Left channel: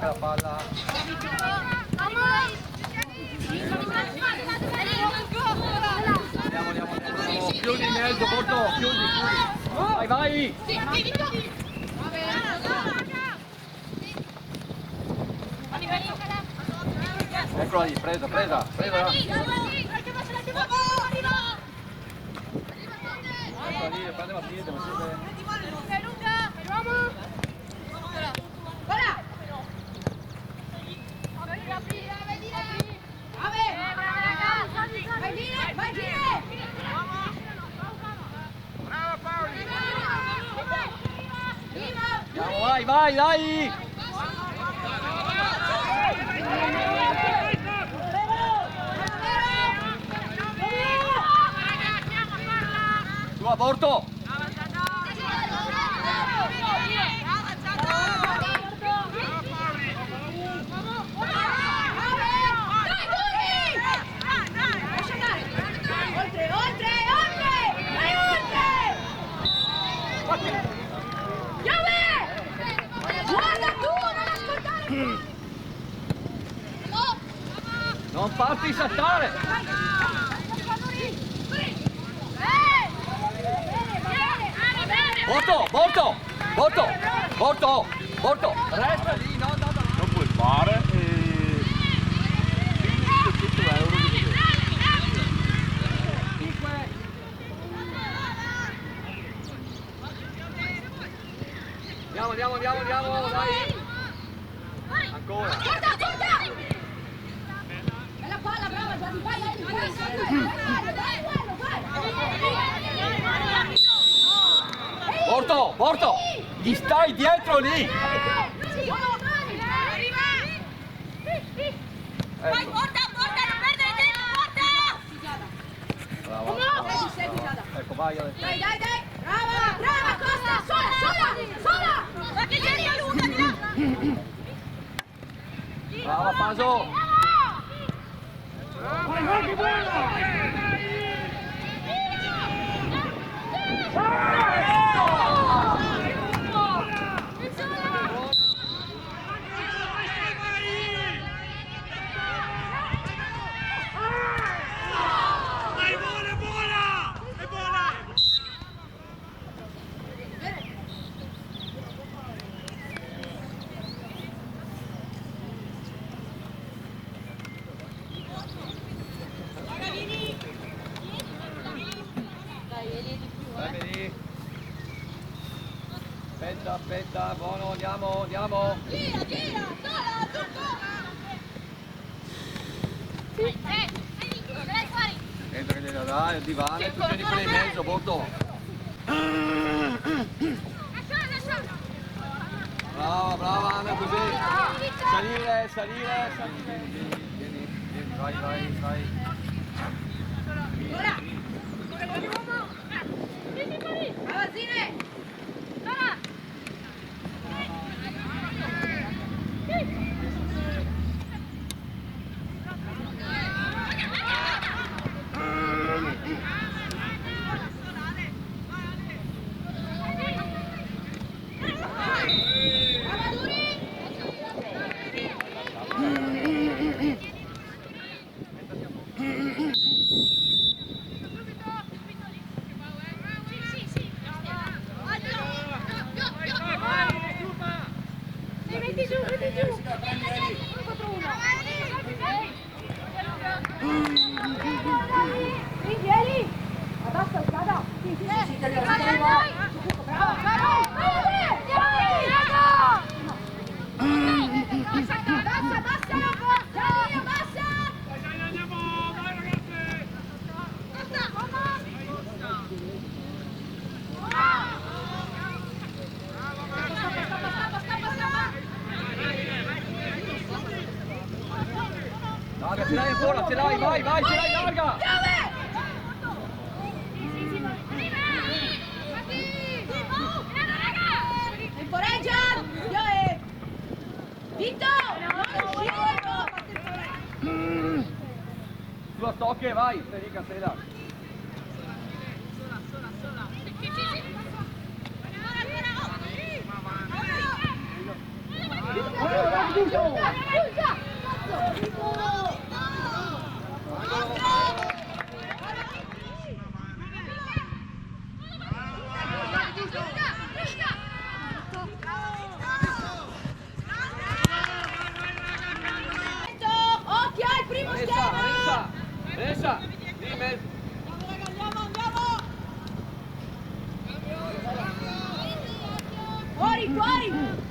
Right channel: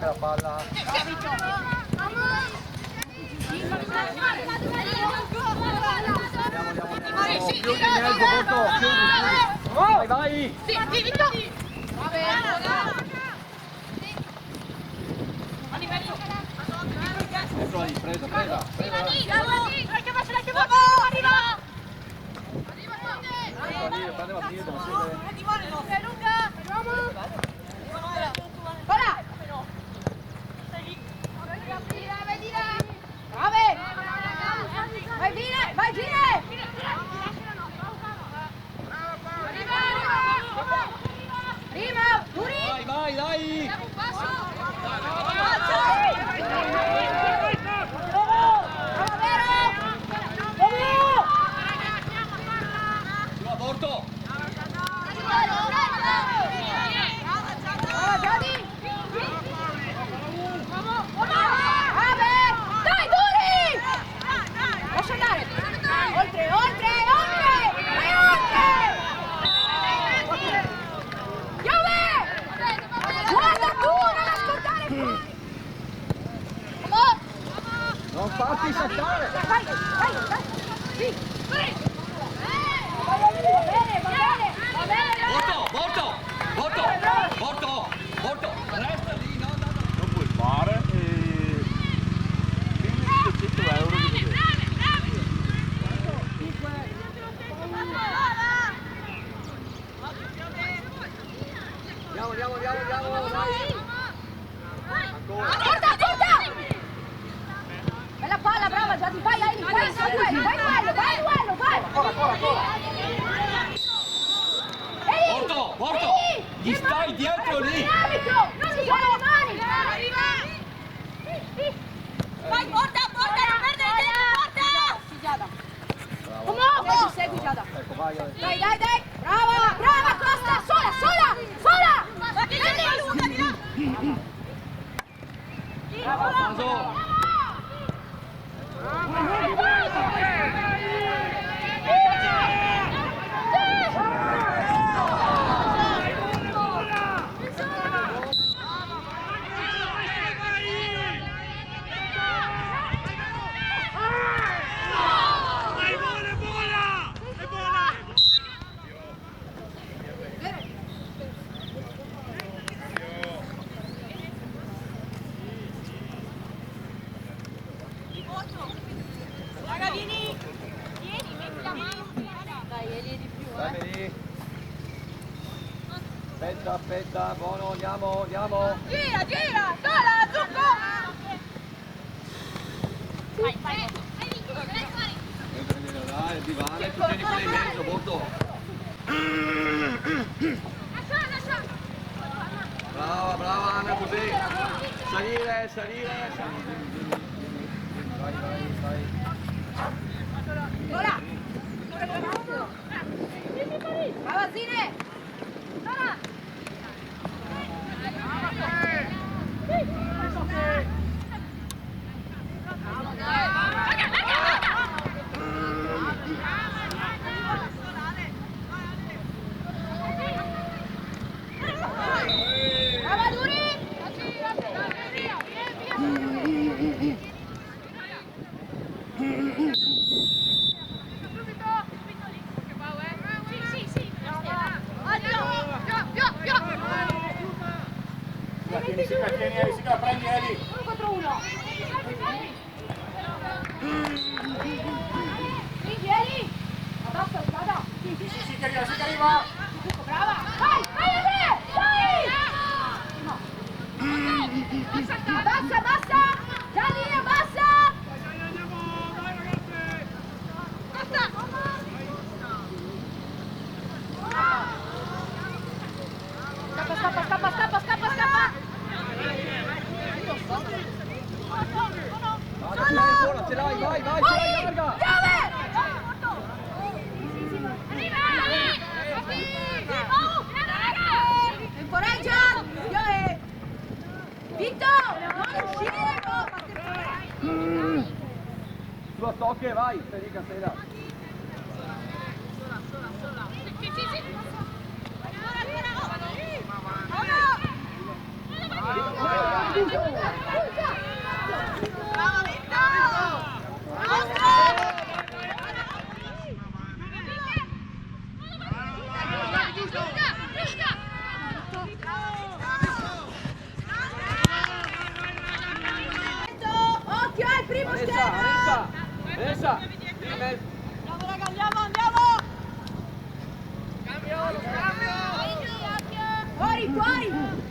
stacca la palla. Andiamo. Chiudi in mezzo, Porto, chiudi. Vai. Eccolo lì, presa. Eccola lì, prende Matilde. Lunga, Vai, dai! Su, Porto! Non farti saltare! Porto! Resta lì, no! Non puoi fare e... tutto l'euro di Andiamo, dai! Ancora! Bella palla, brava Gianni, vai, Porto! Gli stai dietro lì! Vai, porta, non perdere tempo, porta! Brava. Ecco, vai. Dai, brava, Costa, sola! Ma che c'è la lunga di là! Brava, Paso! Aspetta, buono, andiamo! Gira, sola, Zucco! Entra, dai, il divano, tu tieni in mezzo, Porto! Brava, Anna, così! Salire! Vieni, vai! Brava, Zine! Ce l'hai, vai, ce l'hai larga! Sulla stocche, vai, Federica, stai là. Occhio al primo Vanessa, Vanessa, lì in mezzo. Fuori, fuori!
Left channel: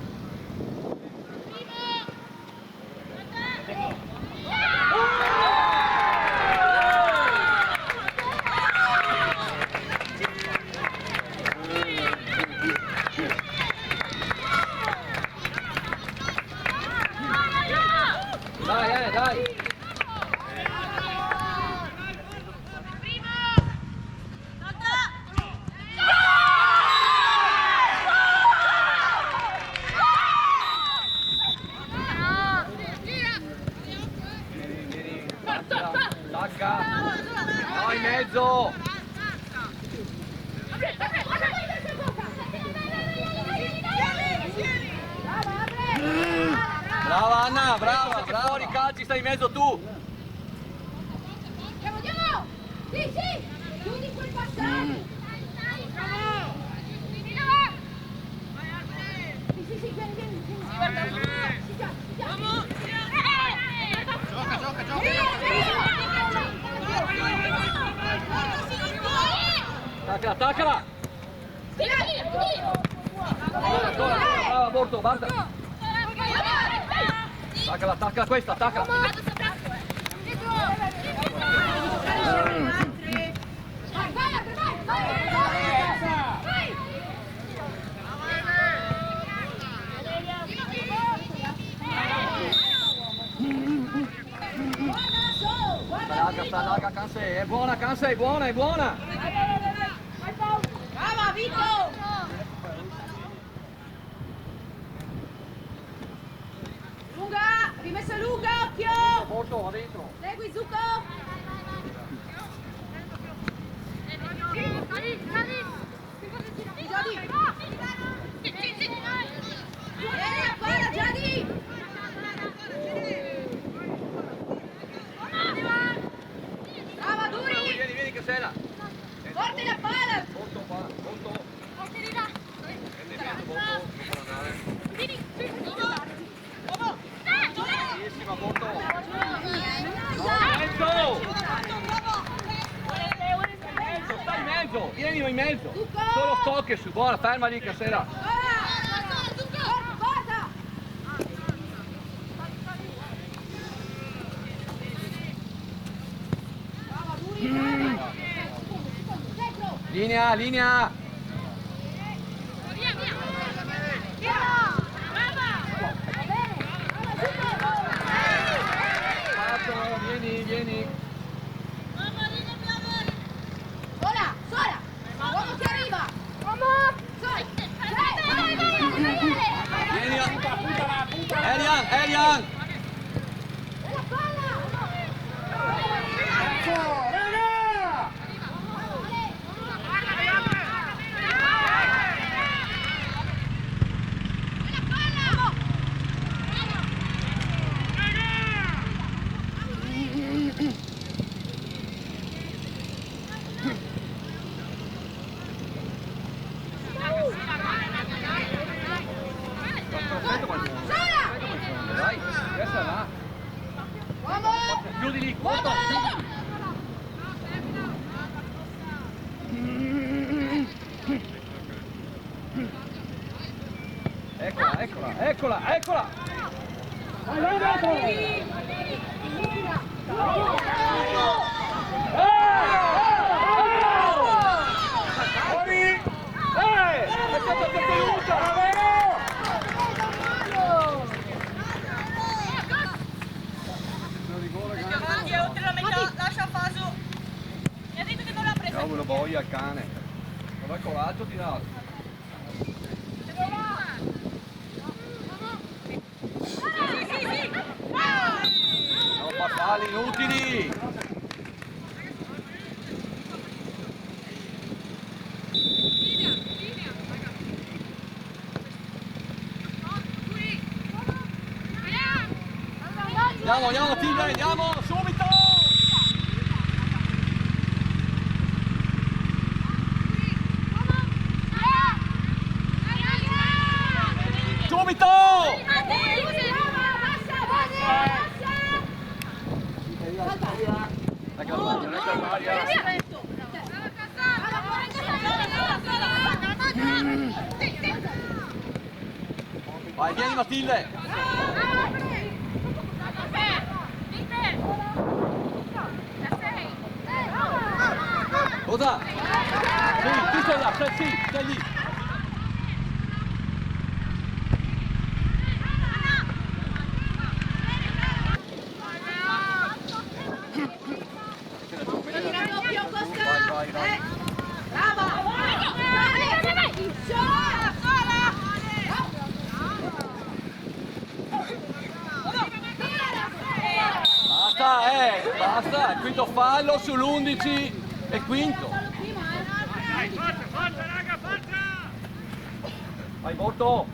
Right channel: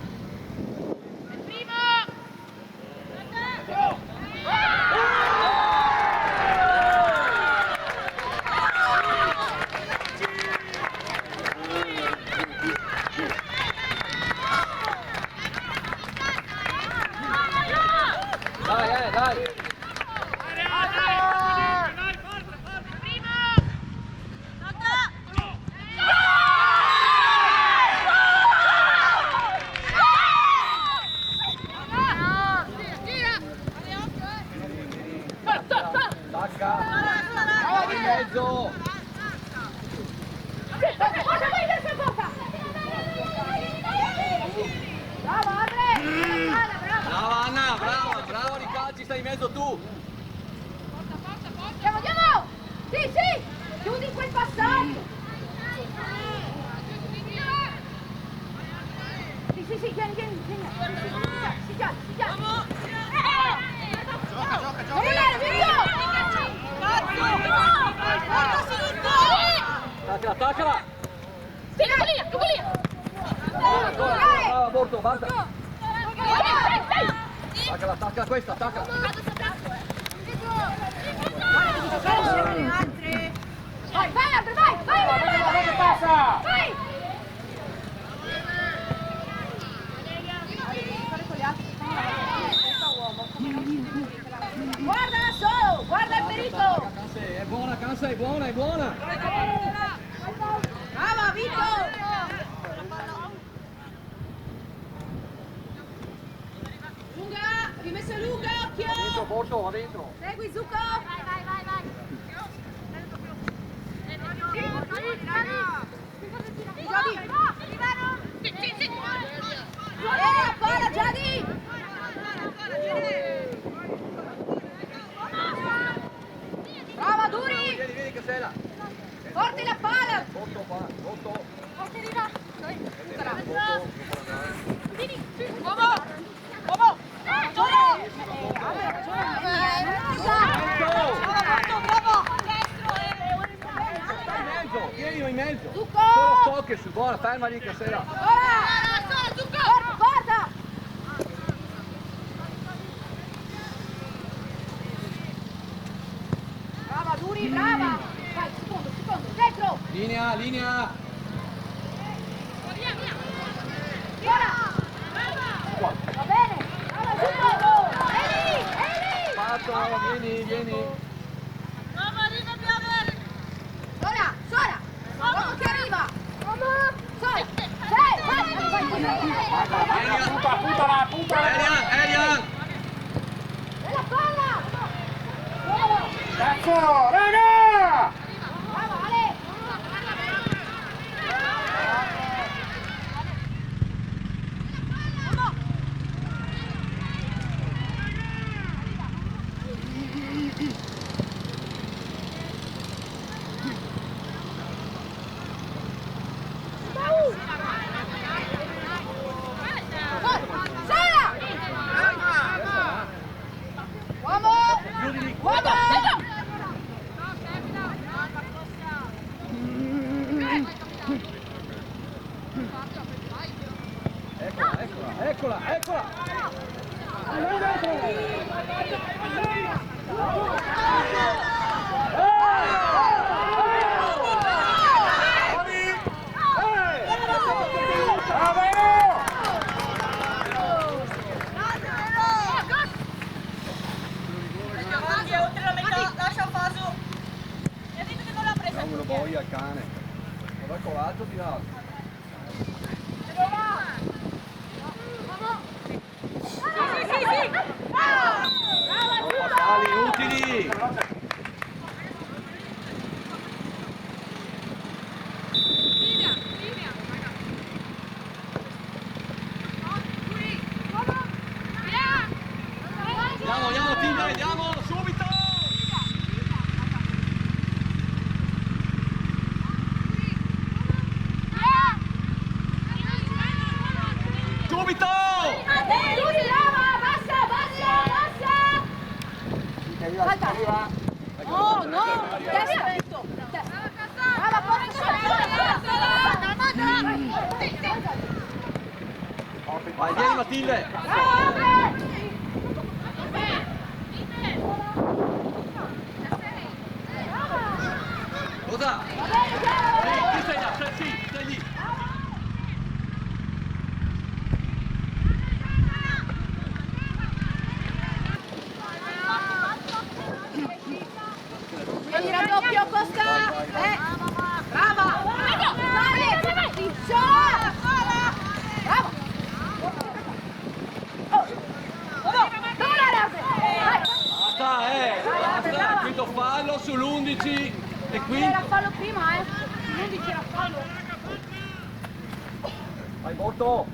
Dai, dai. Tacca. Vai in mezzo. Brava Anna, brava, brava. Fuori calci, stai in mezzo tu. Andiamo, andiamo! Sì, sì! Chiudi quel passaggio! Sì, sì, sì, vieni, vieni, vieni! Si chiama, si chiama! Gioca, gioca! Attaccala, attaccala. Sì, lì! Ancora, brava Borto, basta. Attaccala, attaccala questa, attaccala. Vai, vai, vai! Vai! Guardala solo! Guarda il pericolo! È buona, Canse, è buona, è buona. Brava, Vito! Lunga! Rimessa lunga, occhio! Dentro, Borto, va dentro. Segui, Zucco! Ancora, Gianni! Brava, Duri! Vieni, vieni, Cassella. Porti la palla! Borto qua, Borto. Porti di là! Prendi in mezzo, Borto, non può andare. Vieni! Bravissima, Borto! Stai in mezzo, vieni in mezzo. Solo stocche su, buona, ferma lì, Cassella. Guarda! Brava, Duri, brava! Dai, secondo, dentro! Linea, linea. Va bene! Brava, Fatto, vieni, vieni. Sola! Sola! Vamos, ti arriva! Sola! Elian. Bella palla! Cazzo, raga! Bravo, Ale! Dai, adesso va. Chiudi lì, Borto. Eccola, eccola, eccola, eccola. Avanti, è oltre la metà, lascia Faso. Mi ha detto che non l'ha presa. Cavolo, boia il cane. Non hai coraggio di darlo. Sì. Non passali inutili. Linea. Vai, vieni Matilde! Cosa? Sì, sei là, sei lì! Raddoppio Costa! Vai! Basta, quinto fallo sull'11 e quinto. Fallo prima, Vai Borto!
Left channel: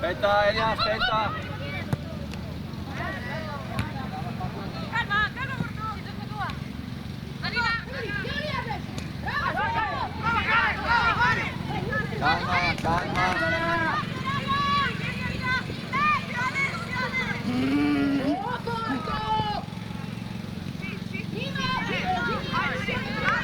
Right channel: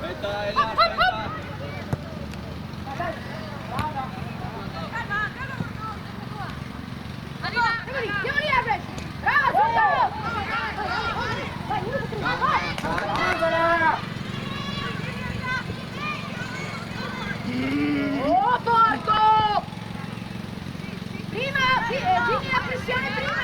Aspetta Elia, aspetta! Oh, porco! Prima, la pressione prima!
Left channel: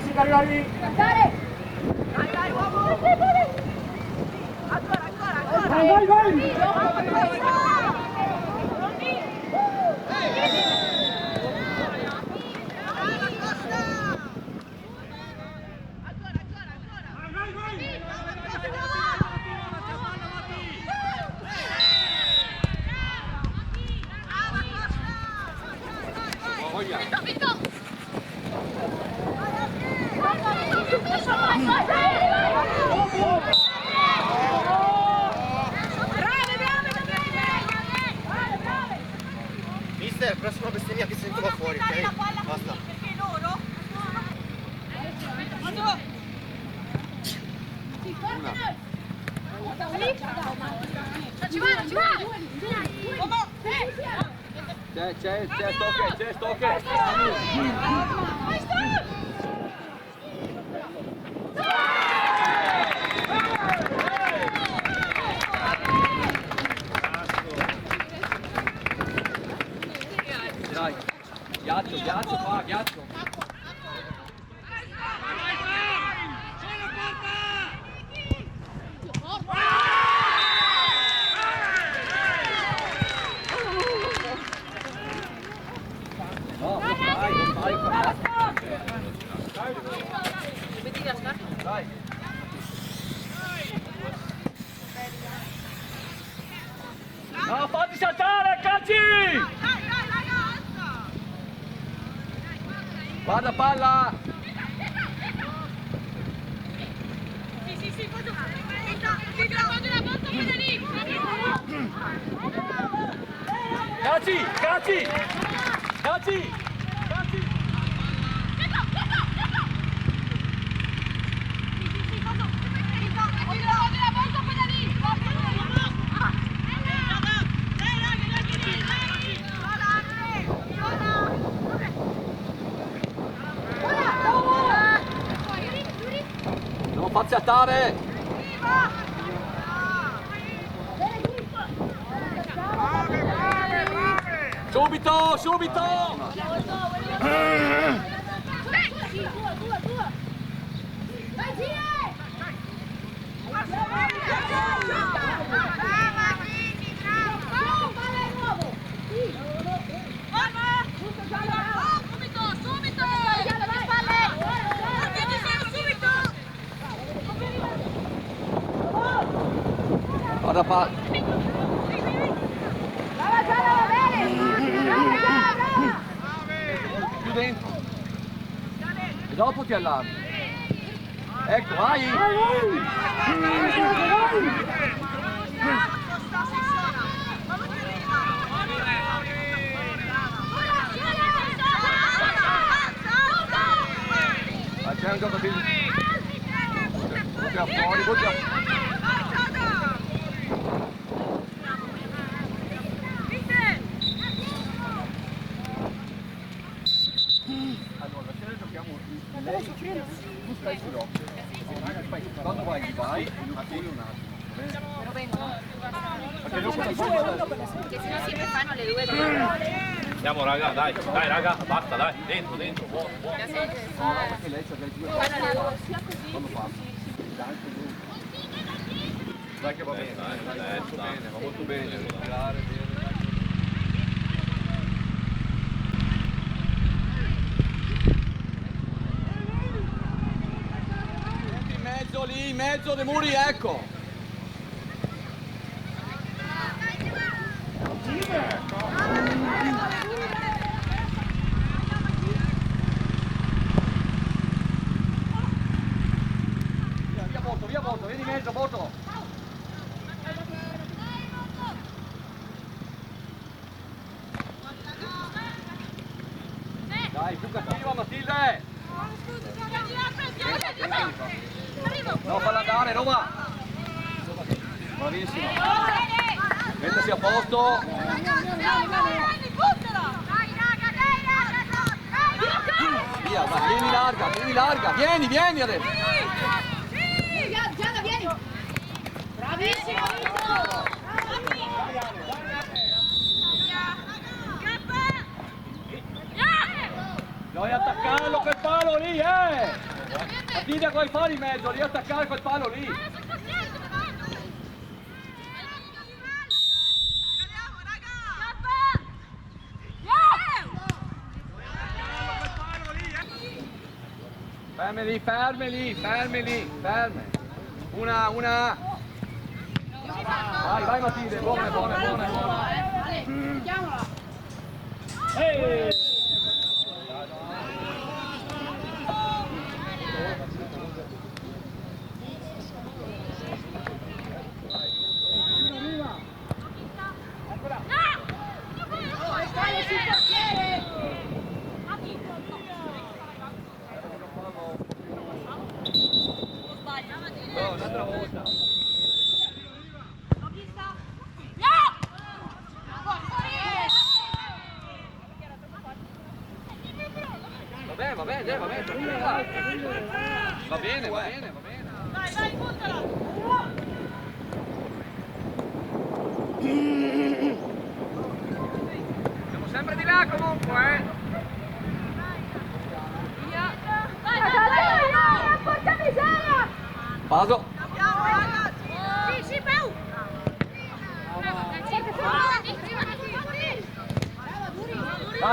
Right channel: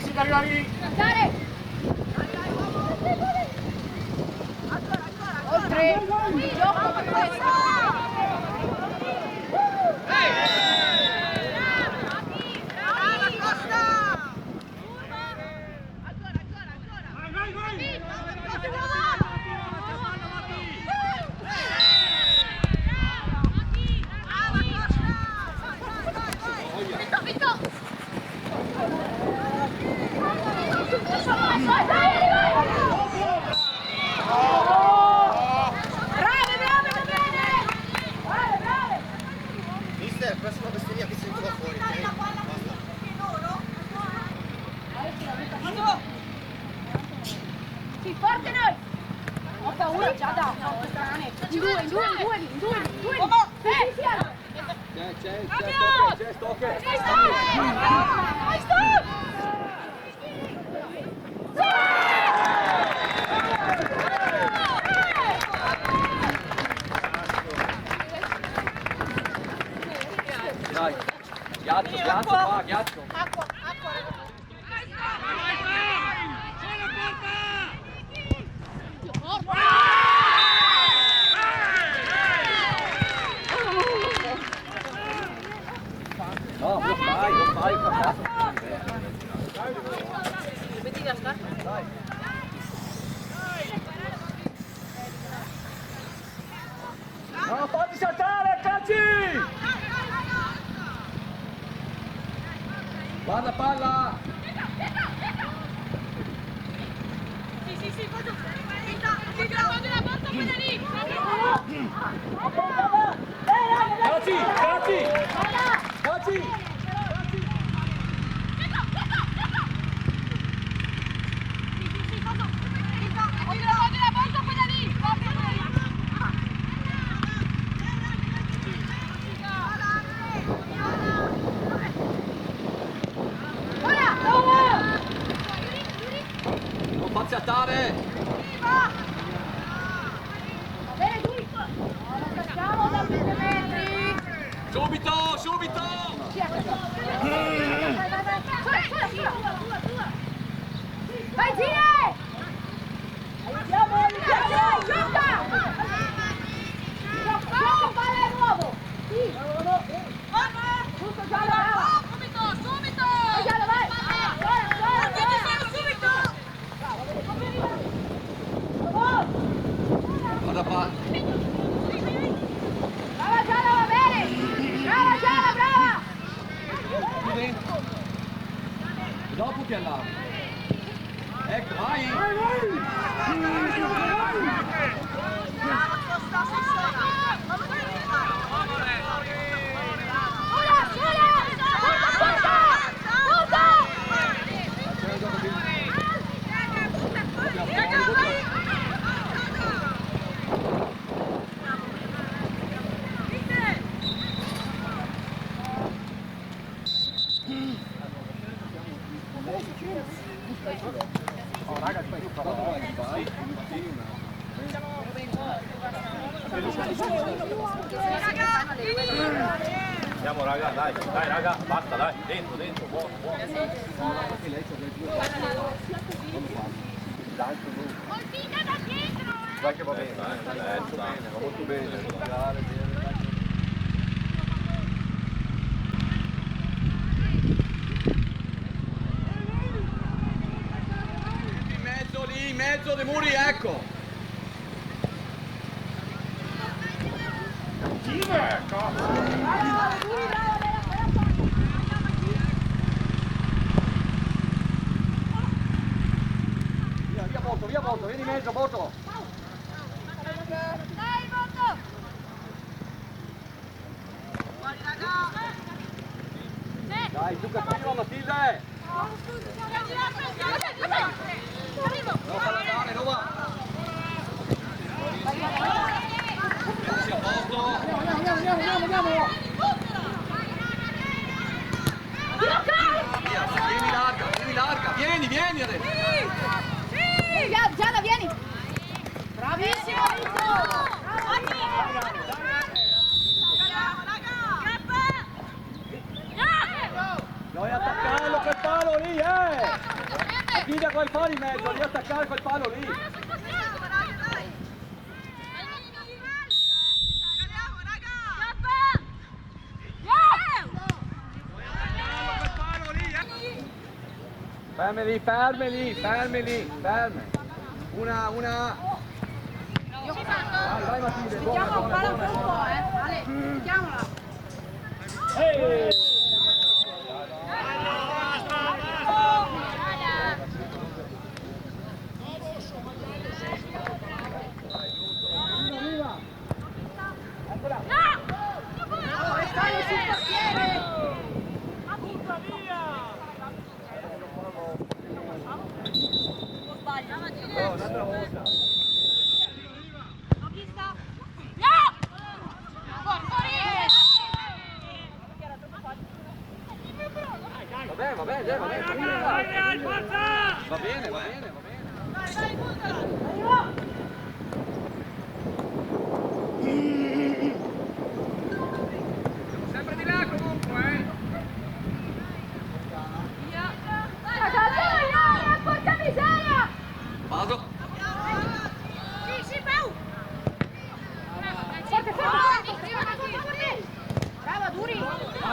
Si che arriva lì! Andare! Vai, uomo! Ancora! Vai! Mister, prossima bestemmia che sento qua fuori, ok? Basta. Sì, forte noi! Ci vuole! C'è, stocche! Dai, ghiaccio qua, ghiaccio! No, lo fai, Metti la scarpa. dai. No, fatti saltare, calci! Guarda palla! Sì, voglio la porta quella lì! Calci! Non facci attare! Subito! Vai, Gine! Palla nuovo! Subito! Giallo, vai! Subito! Guarda palla! Brava Giallo, va bene! Brava! Qui dentro! E dopo ti allarmi! Ecco, vai! C'è un gioco di... Fuori. sennò se ne fanno le due. Andiamo raga, dai raga, basta dai, dentro, buono. Dai che va bene, va molto bene, tirare bene. In mezzo dei muri, ecco! Via Boto, vieni in mezzo, Boto! Dai, più cattiva Matilde! No, falla andare, Roma! Bravissima! Mettersi a posto! Via, vieni larga! Vieni adesso! Gianna, vieni! Bravissimo! Devi attaccarlo quel palo lì, Attira quel palo in mezzo, devi attaccare quel palo lì! Fermi lì! Una! Vai Matilde, buona! Ehi! Un'altra volta. Va bene. Va bene. Vai, buttala. Siamo sempre di là comunque, Dai, porca miseria! Paso. Sì, Pau! Brava, Duri!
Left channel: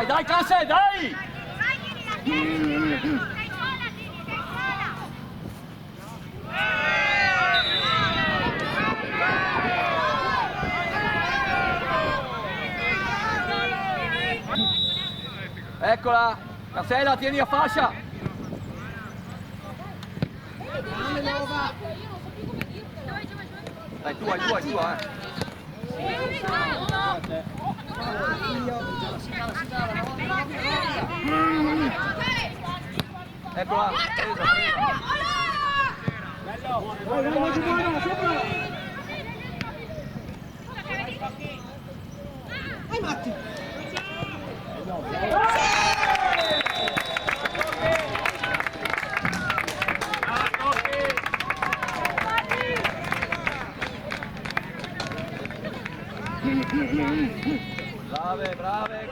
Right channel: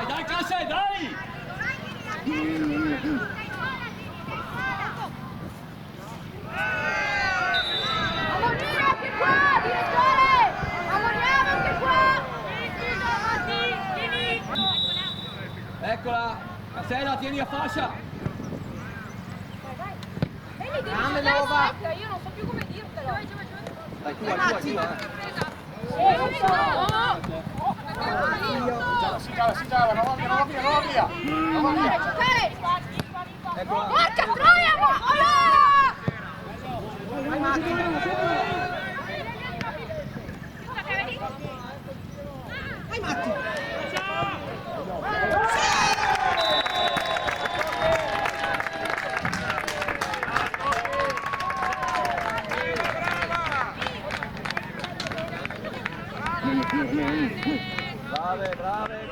Dai, classe, dai! Eccola! Cassella, tieni a fascia! Io non so più come dirtelo. Dai, tu, Eccola! Vai Matti! Brave!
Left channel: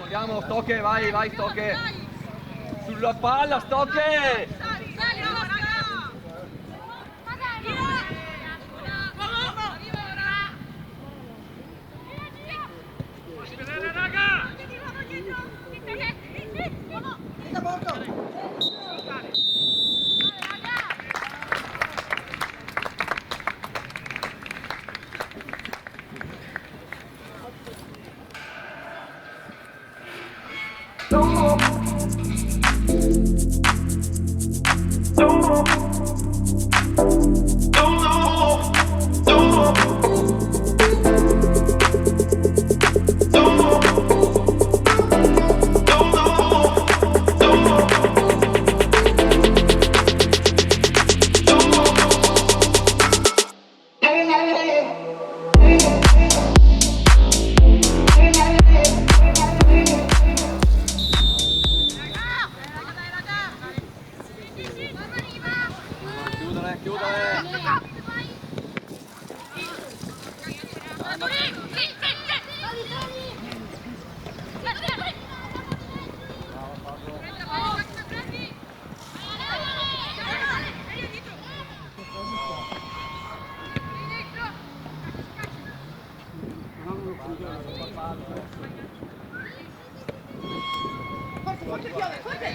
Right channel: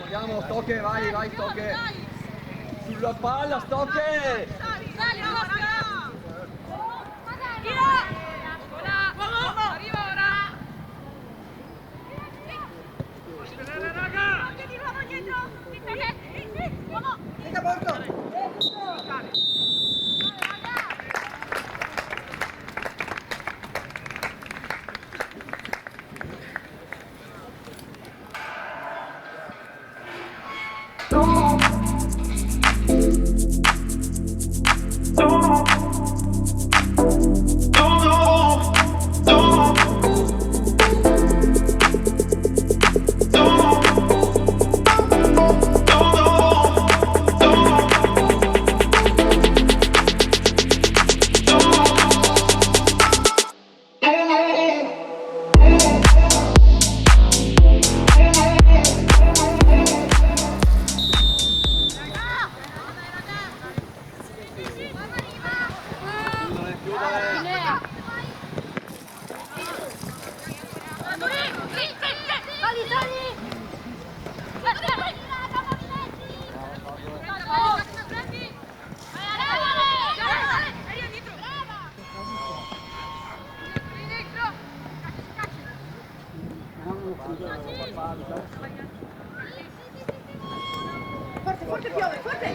Andiamo, Stocche, vai Stocche! Sulla palla, Stocche! Forte, forte, forte.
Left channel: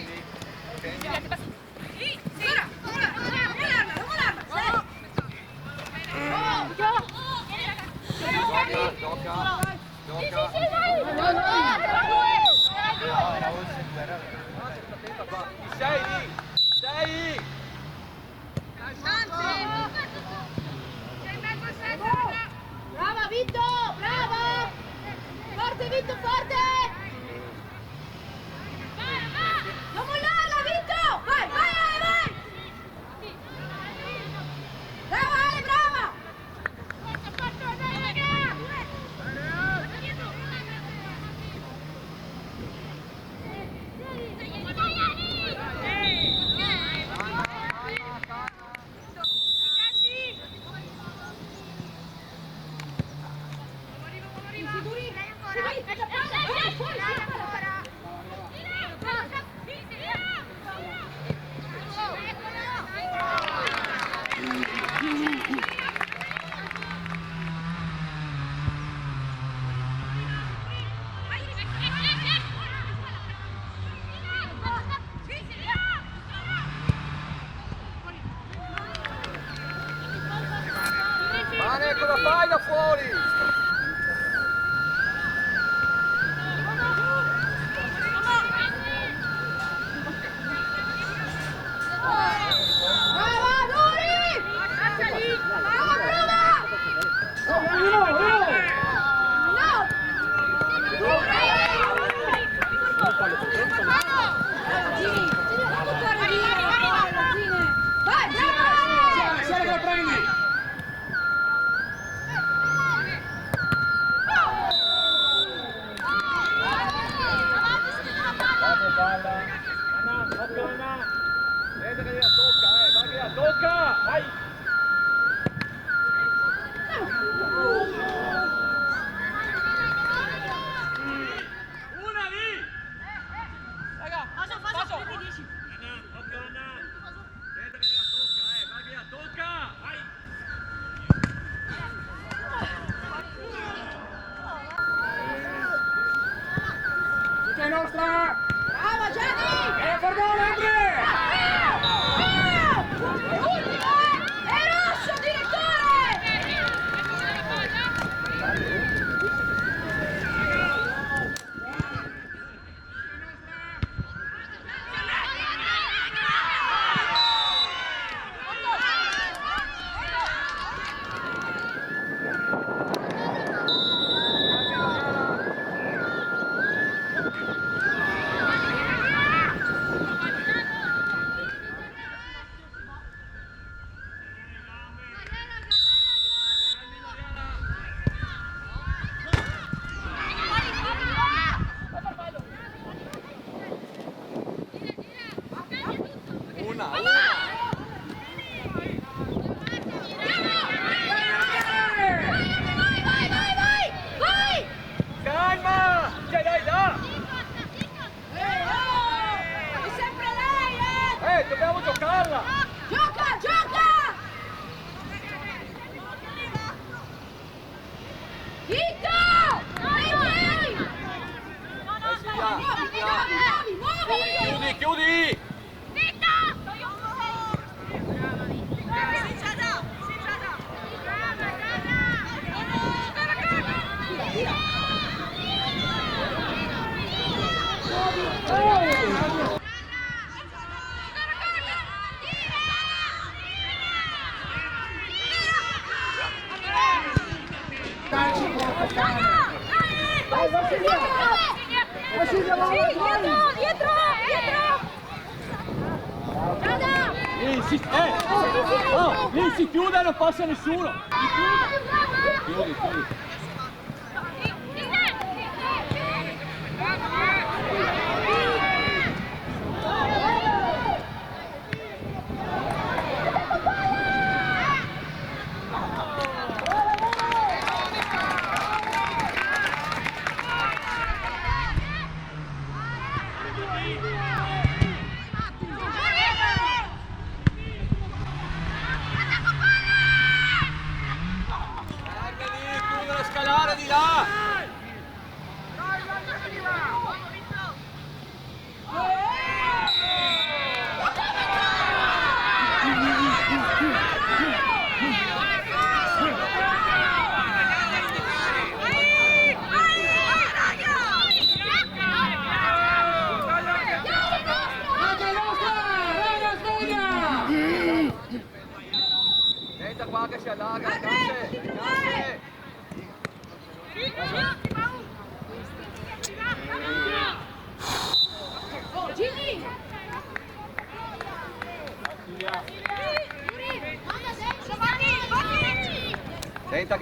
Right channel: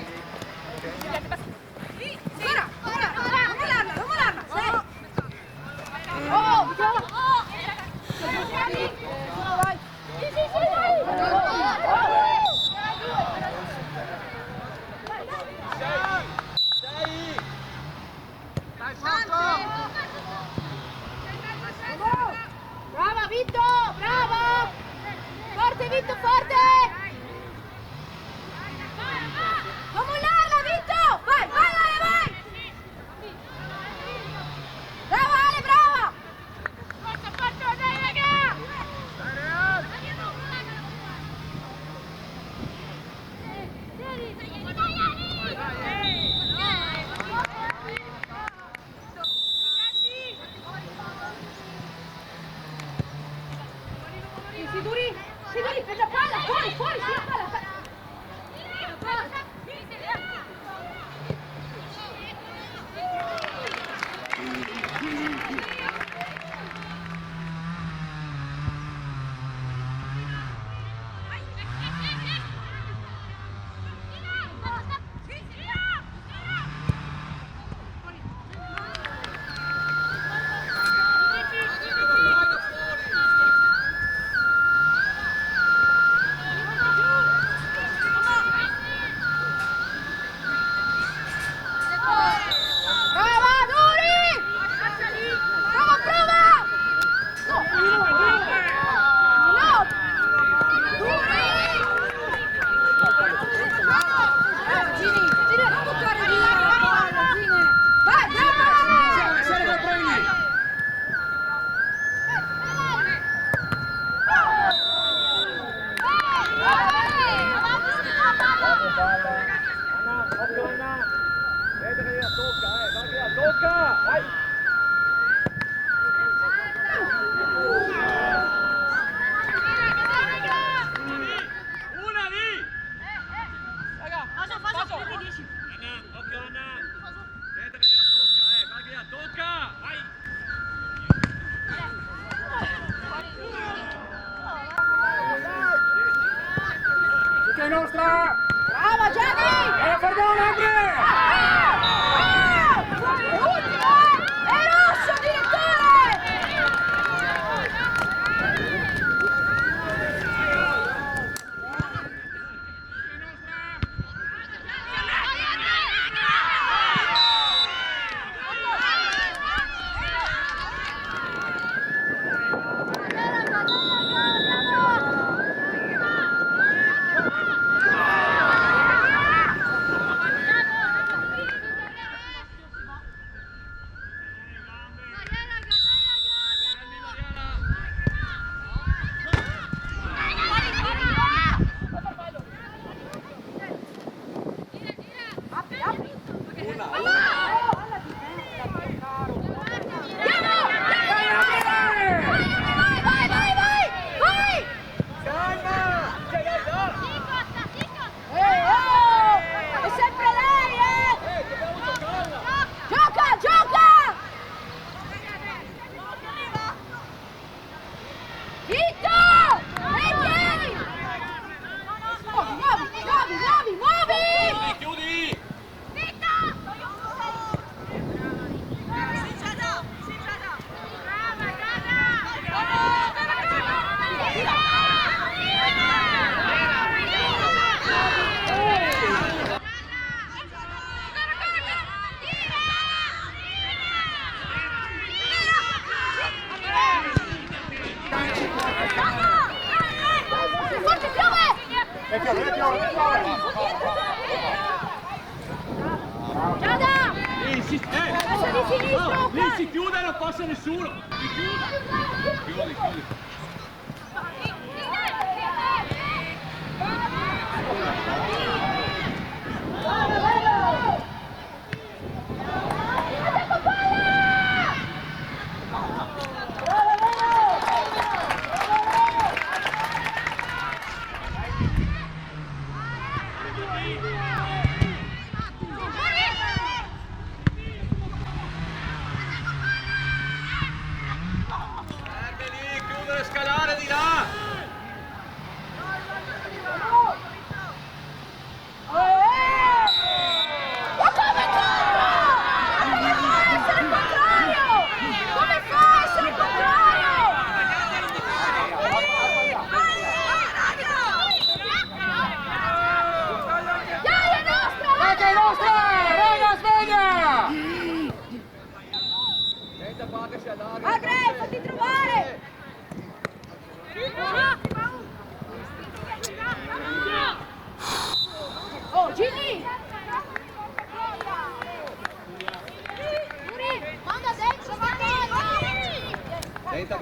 Sei! Brava Vitto, bravo! Forte Vitto, forte! Non mollarla Vitto! Vai, vai Ale, vai! Brava Ale, brava! Forza, forza, dai raga! Sicuri, fai la palla, fuori, fuori, sì, la palla. Mane, cosa fai da fuori? Brava, Dori! Brava, brava! Anna, occhio Anna. Vedete che la tocca, va che la tocca! Vai! Una lì! Raga, faccio! Anna, occhio Anna! Vedete che la tocca, va che la tocca! Vai! Tutta nostra. Brava Gianni! Perdone Andre. È rosso direttore! Calma! Dai, da! È sempre lei, Dobbiamo giocarla! Gioca, gioca! Vitto! Muovi! Chiudi! Lì si chiude e non passa nessuno! Chiudi!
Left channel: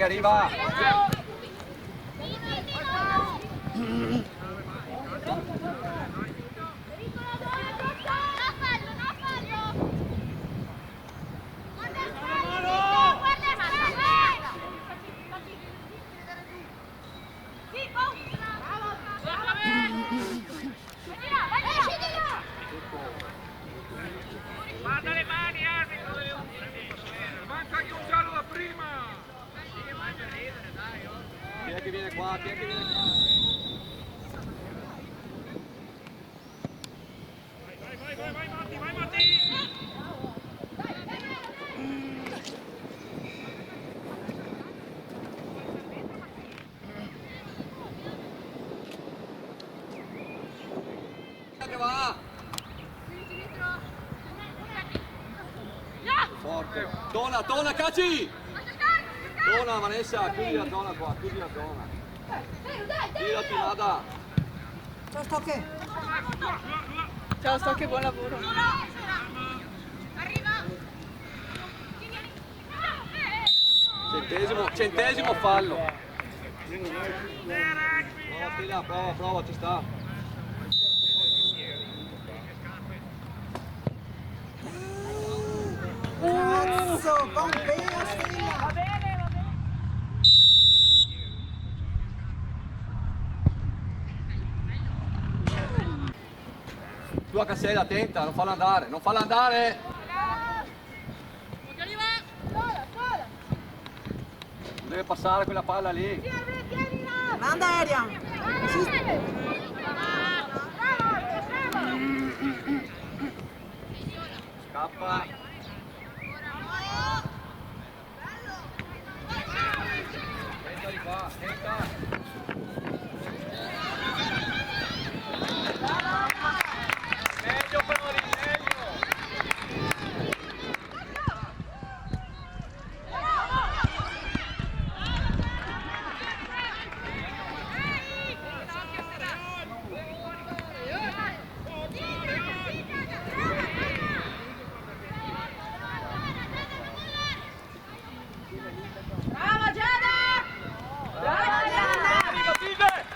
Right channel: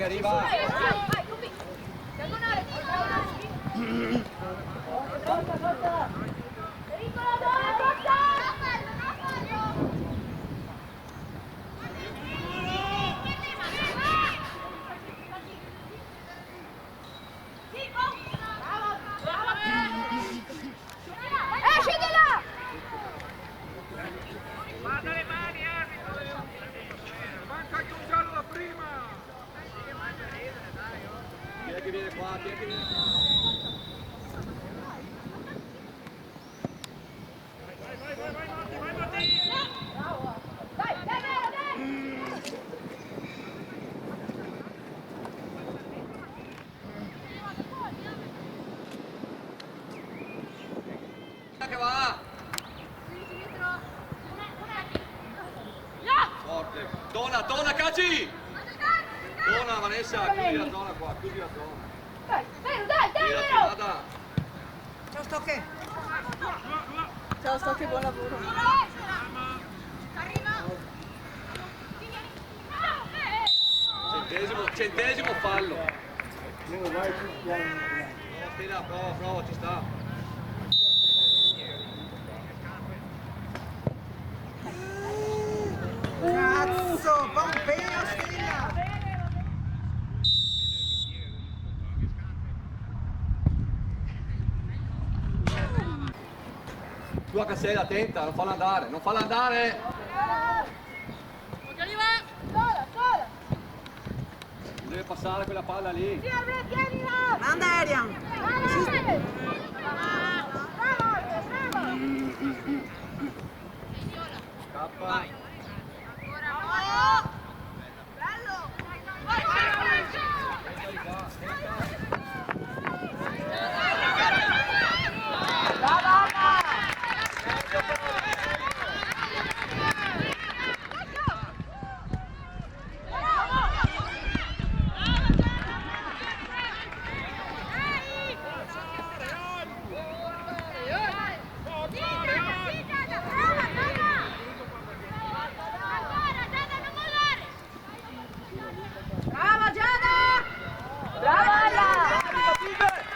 che arriva. Guarda le mani, arbitro! Manca anche un giallo da prima! Piedi viene qua, piedi viene qua. Vai Matti! Che va! Forte. Dona, Caci! Dona, Vanessa, chiudi la zona qua, chiudi la zona. Girati, vada. Ciao Stocchi, buon lavoro. Centesimo fallo. Prova, ci sta. Cazzo, Pompeo Stella! Tu a Cassella, attenta, non fallo andare, non fallo andare! Non deve passare quella palla lì. Manda aria! Scappa. Tenta di qua, tenta. Meglio però di meglio.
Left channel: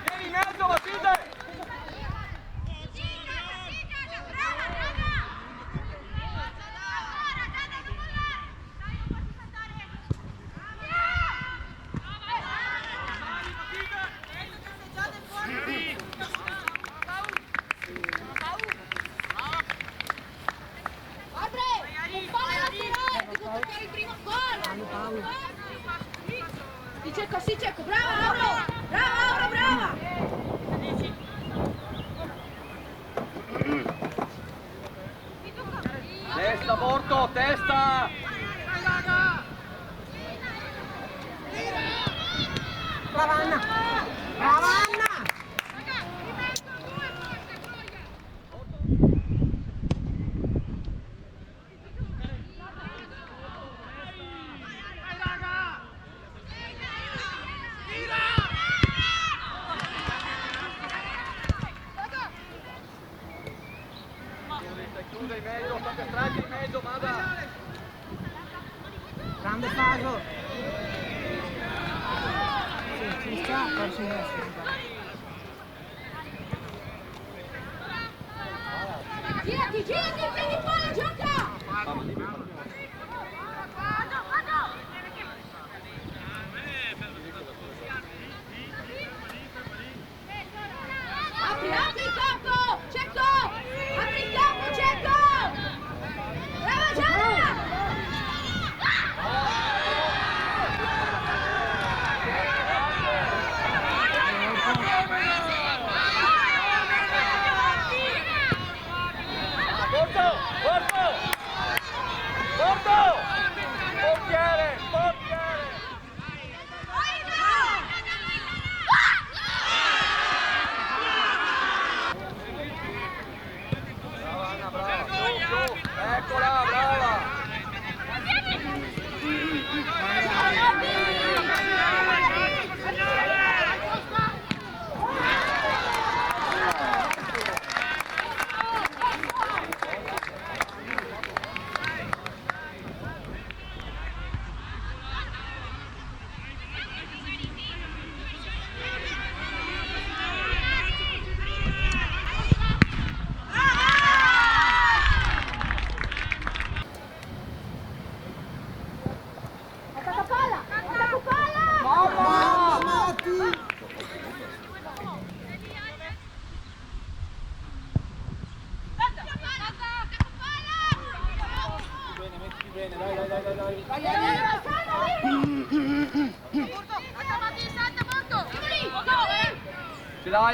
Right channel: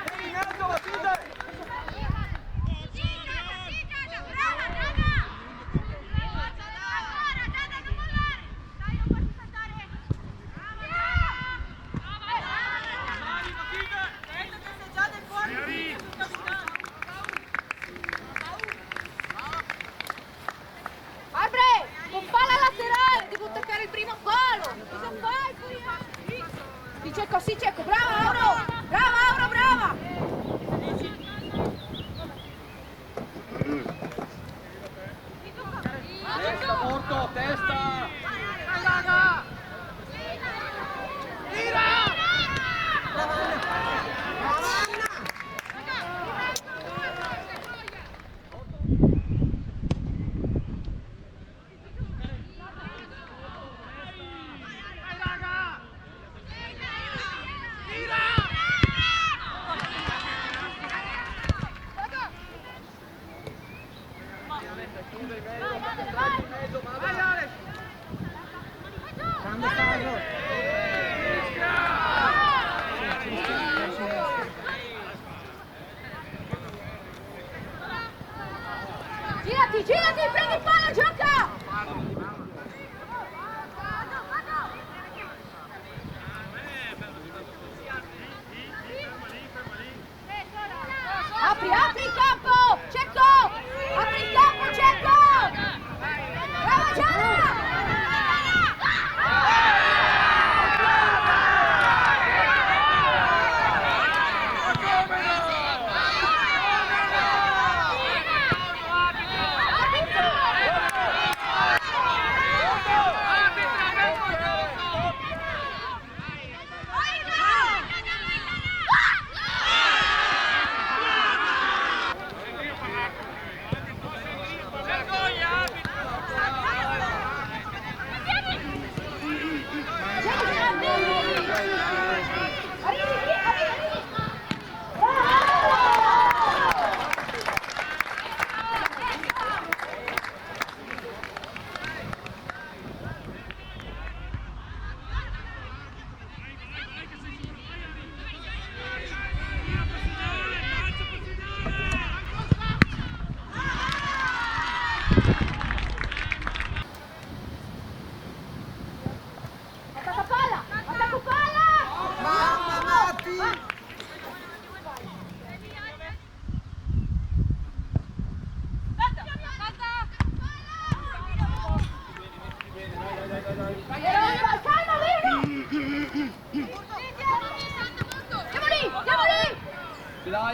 Vieni in mezzo, Matilde! Con palla laterale, devo toccare il primo palo. Sì, cerco, brava Laura! Brava! Testa, Morto, testa! Brava Anna! Chiude in mezzo, fate strati in mezzo, Mada! Grande Fago! Girati, prendi il palo, gioca! Apri il campo! Cerco! Apri il campo, cerco! Brava Gianna!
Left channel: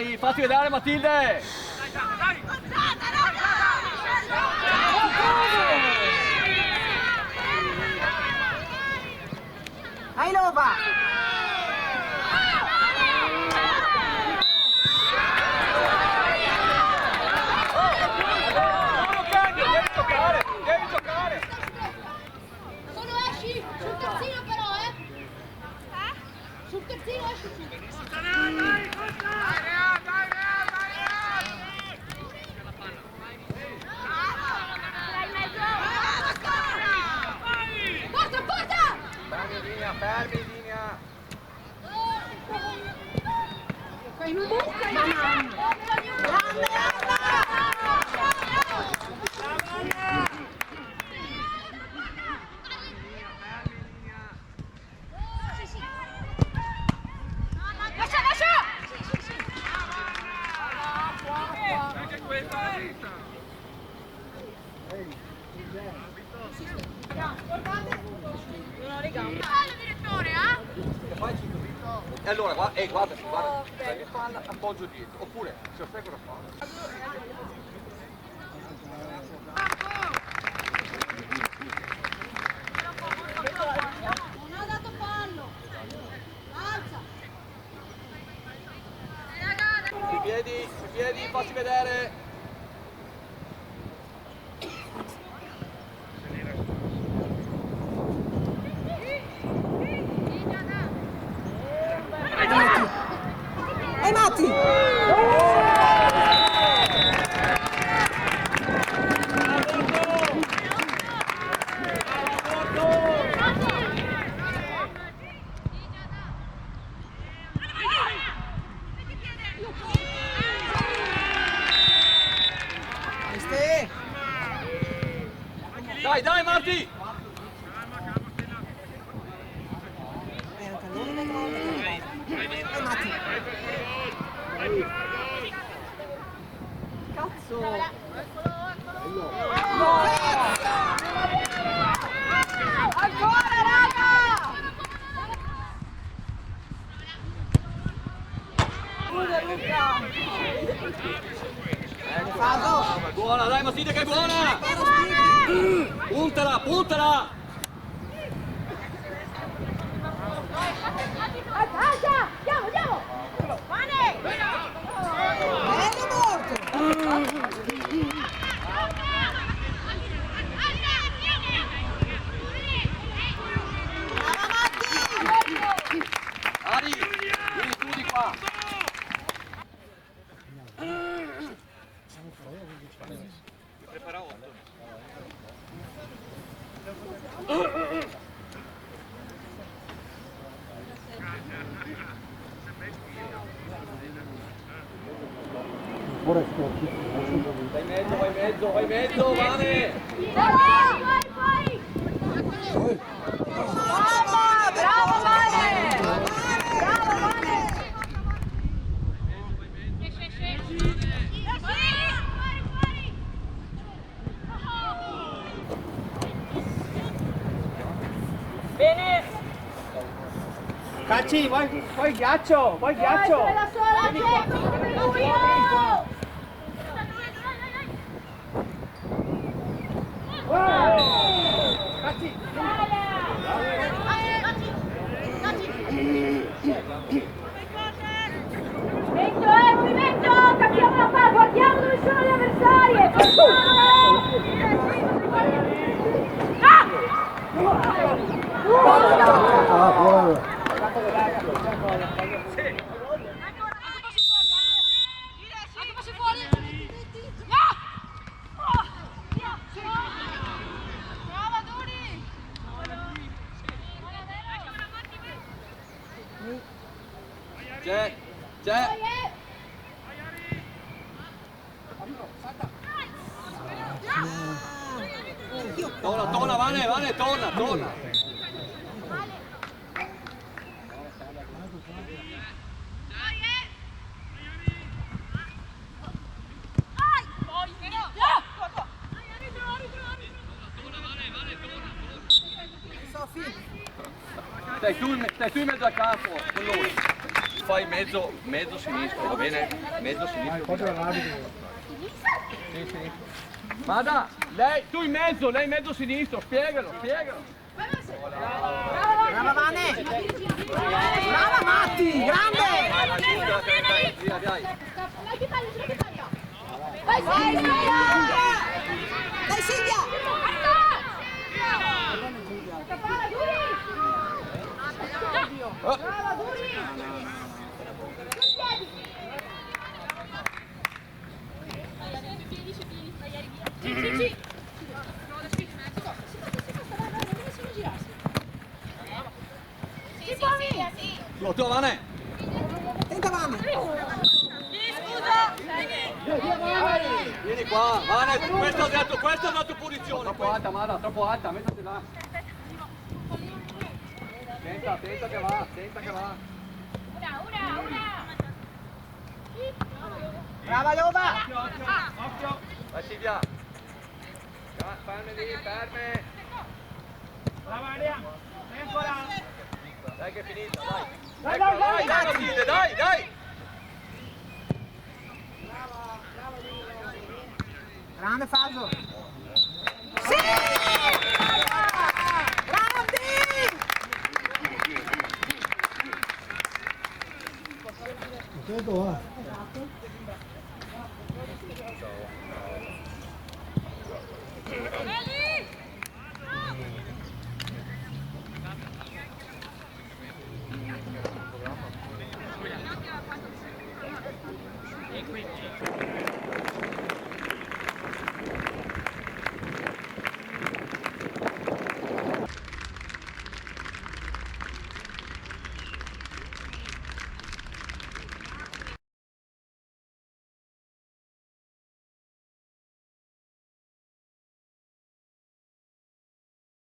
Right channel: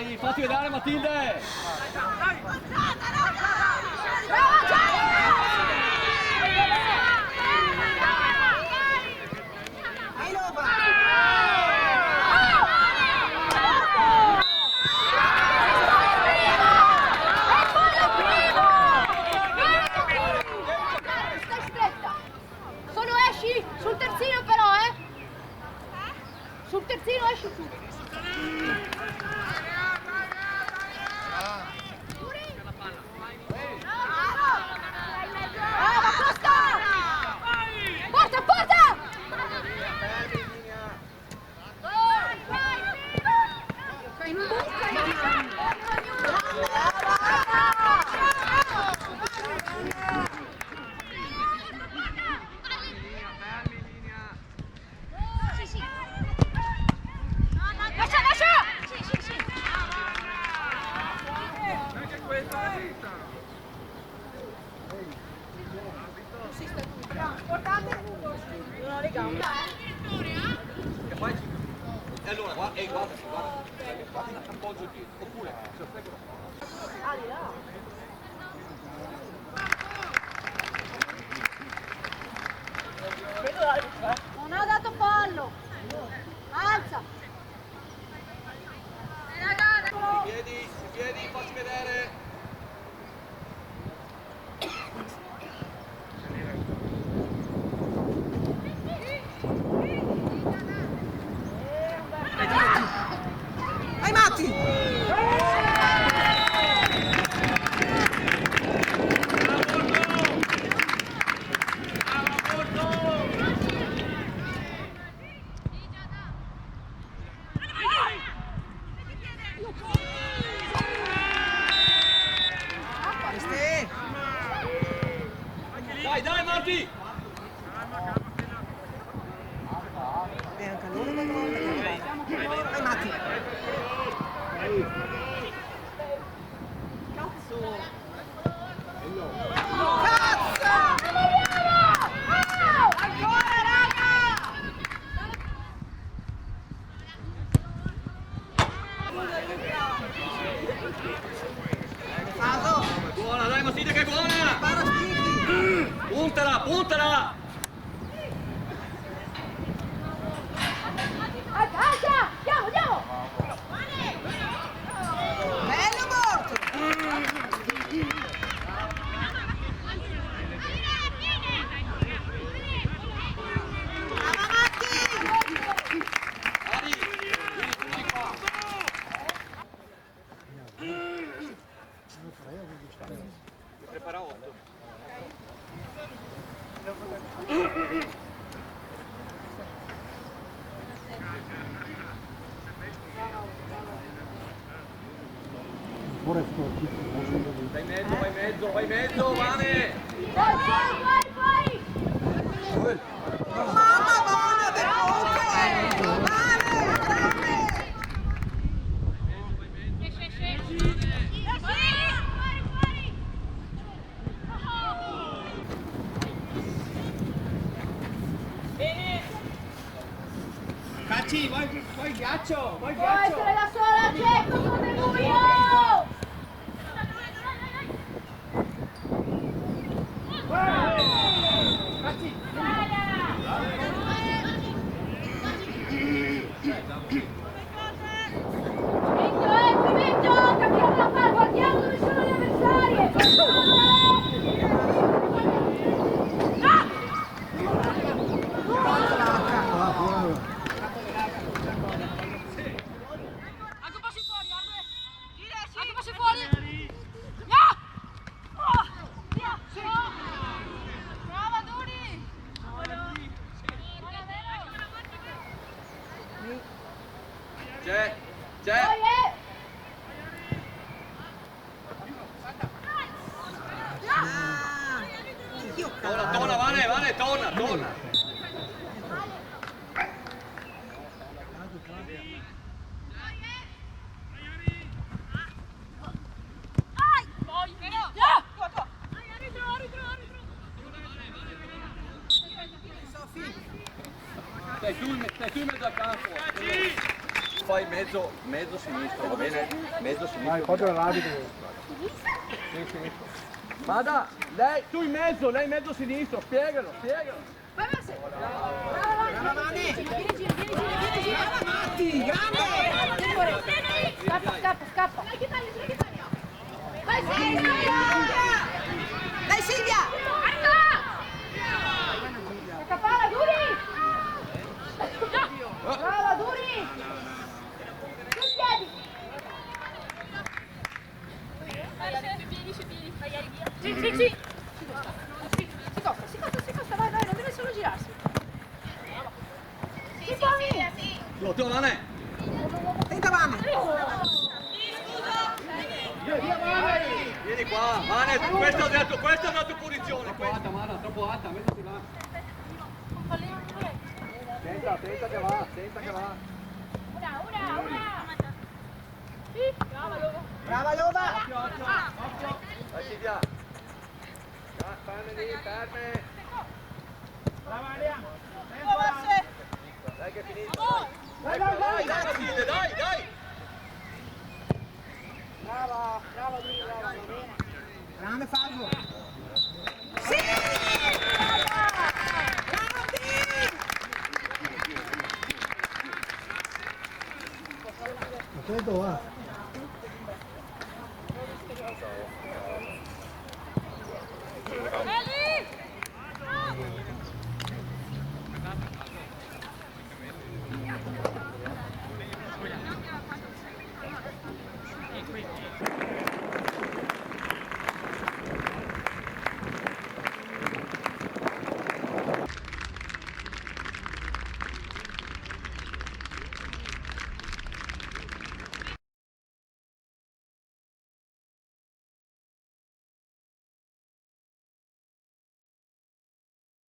Dai, fatti vedere Matilde! Solo esci sul terzino però, sul terzino esci su. Porta, porta! Fermi in linea. Lascia, lascia! Anche questa è la vita. E allora guarda, guarda, appoggio dietro, oppure se offendono la Non ha dato fallo! Alza! su piedi, facci vedere. Vai Matti! Dai, dai Marti! Buona, dai Matilde che è buona! Puntala, puntala! Alza! Andiamo, andiamo! Bello morto! Ari, vieni qua! Prepara 8. Vai in mezzo, Vane! Vai, vai! Bravo, Vane! Bravo, Vane! Bene! Cacci, vai ghiaccio, vai Può essere la sola, Cecco come lui! Oh! Cacci! Movimento, cambiamo la palla, guardiamo dove sono gli avversari! Anche passi fuori! Brava Duri! C'è! Torna, Vane, torna! Stai tu in mezzo al campo, con lui. Fai mezzo sinistro, va bene? Mezzo sinistro. Proprio l'arbitro. Sì, sì. Mada, lei, tu in mezzo sinistro, spiegalo. Brava Vane! Brava Matti! Grande! Scappa. Vai Dai Silvia! Palla, Duri! Brava, Duri! Sui piedi! Sì. Si costa, vai, non deve solo girarsi. Si Pomi! Tu, Vane. Tenta Vane! Vieni qua, Vane, questo è la tua posizione. Troppo alta, Mada, troppo alta, mettiti là. Tenta che va. Una! Brava Lova! Occhio. Vai Silvia. Ferme. Brava Aria. Tempola. Dai che è finita, dai. Dai, Matilde, dai. Grande Fabio! Sì! Eli!